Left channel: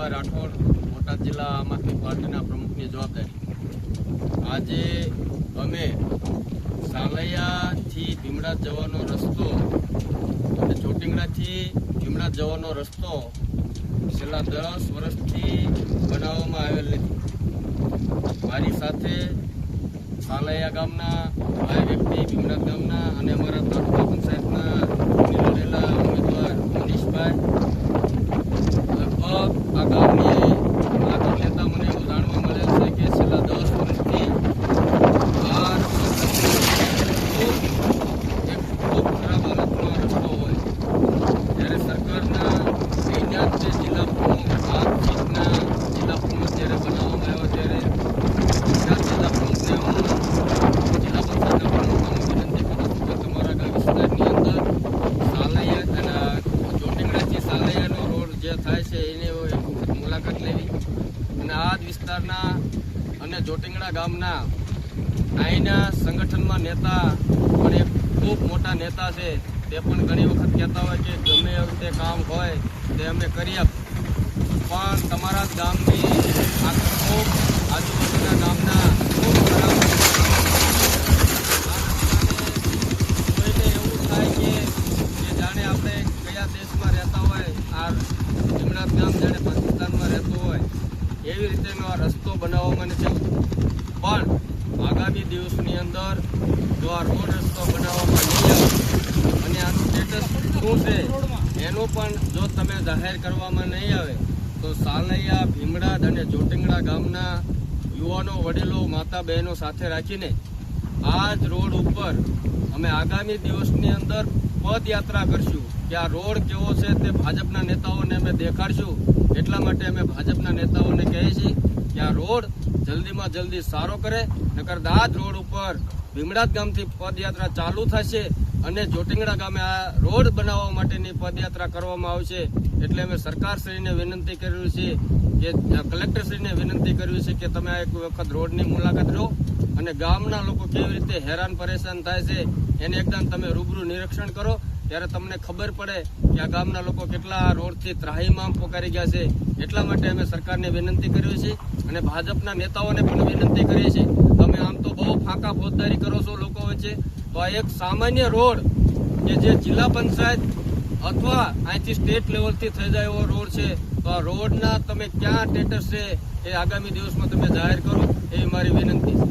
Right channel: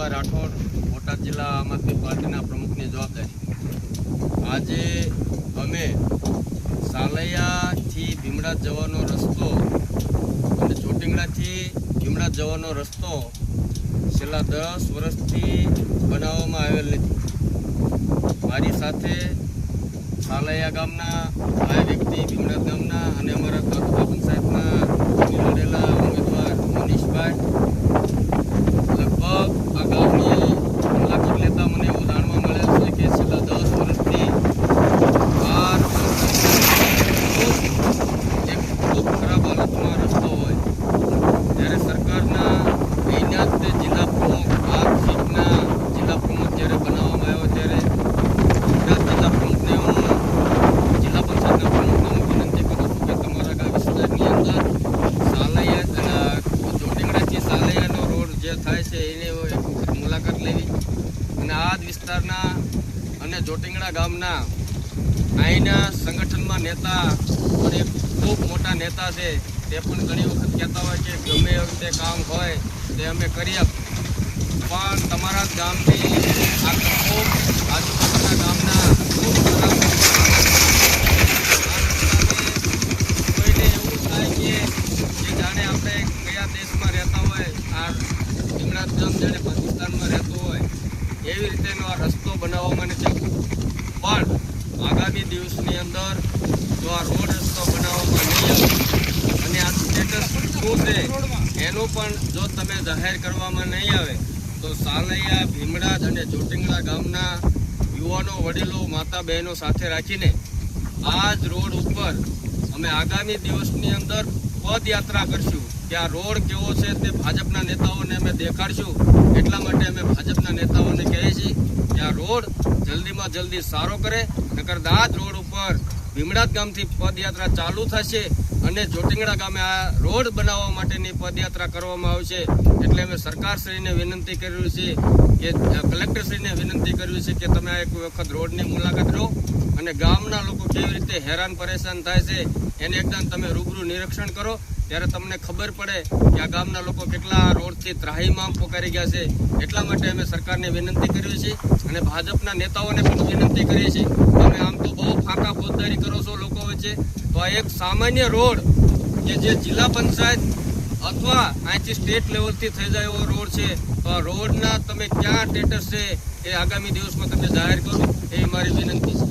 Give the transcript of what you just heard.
રામભાઈ રાઠોડ, બોટાદ જિલ્લા આમ આદમી પાર્ટીના પ્રમુખની જવાબદારી। આજે અમે સાલૈયાથી ભીમડાદ જવાનો રસ્તો અને ચોટીંગડાથી ભીમડાદ જવાનો રસ્તો છેલ્લા 10 વર્ષથી બનાવવામાં આવેલ નથી। મારી સાથે સાલૈયા ગામના આ વ્યક્તિ, ભીમડાદ ગામના અને અમારા તાલુકા પંચાયતના લડેલા ઉમેદવાર મનીષભાઈ લગભગ આ ગામની મુલાકાત લેતા મને એવું જાણવા મળેલ છે કે છેલ્લા 10 વર્ષથી આ ખૂબ ખરાબ હાલતમાં રસ્તો હોય, જ્યારે સરકારના તૈનાત જે જિલ્લા પ્રમુખ આ સીટના જિલ્લા પ્રમુખ જ્યારે બનાવવામાં આવ્યો ત્યારે જિલ્લા પ્રમુખને હું જિલ્લા પંચાયતના પ્રમુખને વિનંતી કરું છું કે તમારા ગામ વિસ્તારની અંદર સાલૈયા ચોટીંગડાથી સાલૈયાનો રોડ જે થાય છે એની મુલાકાત લેવી અને આ જ વિસ્તારના અને ચોટીંગડા ગામના અહીંના સંગઠનમાં નેતા પણ એક ખૂબ મોટા નેતા છે, તે પણ ઘણી વખત કહેતા હોય કે ગમે એ રીતે કામ હોય તે અમે કરી આપીએ, પણ તમારા જ ગામની આ ખૂબ આજુબાજુના ગામના ખૂબ ખરાબ કોઈને એવું થાય કે જાણે આપણે કયા દેશમાં રહેતા હોય, આ ભીમડાદ ગામ જાણે પાકિસ્તાનમાં રહેતું હોય એવી રીતેનો આ રસ્તો બનાવવામાં નથી આવતો। પણ આગામી દિવસની અંદર જો આ રોડ રસ્તો બનાવવામાં નહીં આવે અને આનું સ્ટેટસ શું છે એનું પણ જો તમે જાહેર કરવામાં નહીં આવે તો સાલૈયા, ભીમડાદ અને ચોટીંગડા ગામના યુવાનો, વડીલો, માતા બહેનો સાથે રાખીને આ જ રોડ ઉપર અમે આગામી દિવસની અંદર પદયાત્રા કરશું કે આ રોડ કેવો છે તે ભાજપના નેતાઓને અમે દેખાડશું। એટલા માટે અમે ભાજપના નેતાઓને કહીએ છીએ કે આ રોડ જલ્દીમાં જલ્દી સારો કરે, નકર આ જ રોડ ઉપર ભીમડાદ ગામથી પદયાત્રા ચાલુ થશે અને ચોટીંગડા ગામે આ રોડ બનાવવા માટેની પદયાત્રા કરવામાં આવશે। એટલે અમે સરકારશ્રીને વિનંતી કરવી છે કે કલેક્ટરશ્રીને વિનંતી કરવી છે કે તમે એક વખત રોડની મુલાકાત લો અને ગામના લોકો કેવી રીતે હેરાન પરેશાન થાય છે એને એકદમ તમે રૂબરૂ નિરીક્ષણ કરો, ત્યારે તમને ખબર પડે કે આ ગામના લોકો કેટલા રોડથી ત્રાહીમામ પોકારી ગયા છે। એટલા માટે અમે સરકારને વિનંતી કરવી છે અને ભાજપના નેતાઓને પણ વિનંતી કરીએ છીએ, તમે આમ તો બહુ ફાંકા ફોજદારી કરો છો લોકો વચ્ચે, તો આ એક સામાન્ય રોડ જે જિલ્લા પંચાયત અથવા અહીંથી સ્ટેટ લેવલથી થઈ જાય એવો રોડ છે, તો આ રોડના તમે ક્યાં સ્ટેટસ છે એ આગામી દિવસમાં તમે જાહેર કરો, એ મારી વિનંતી છે।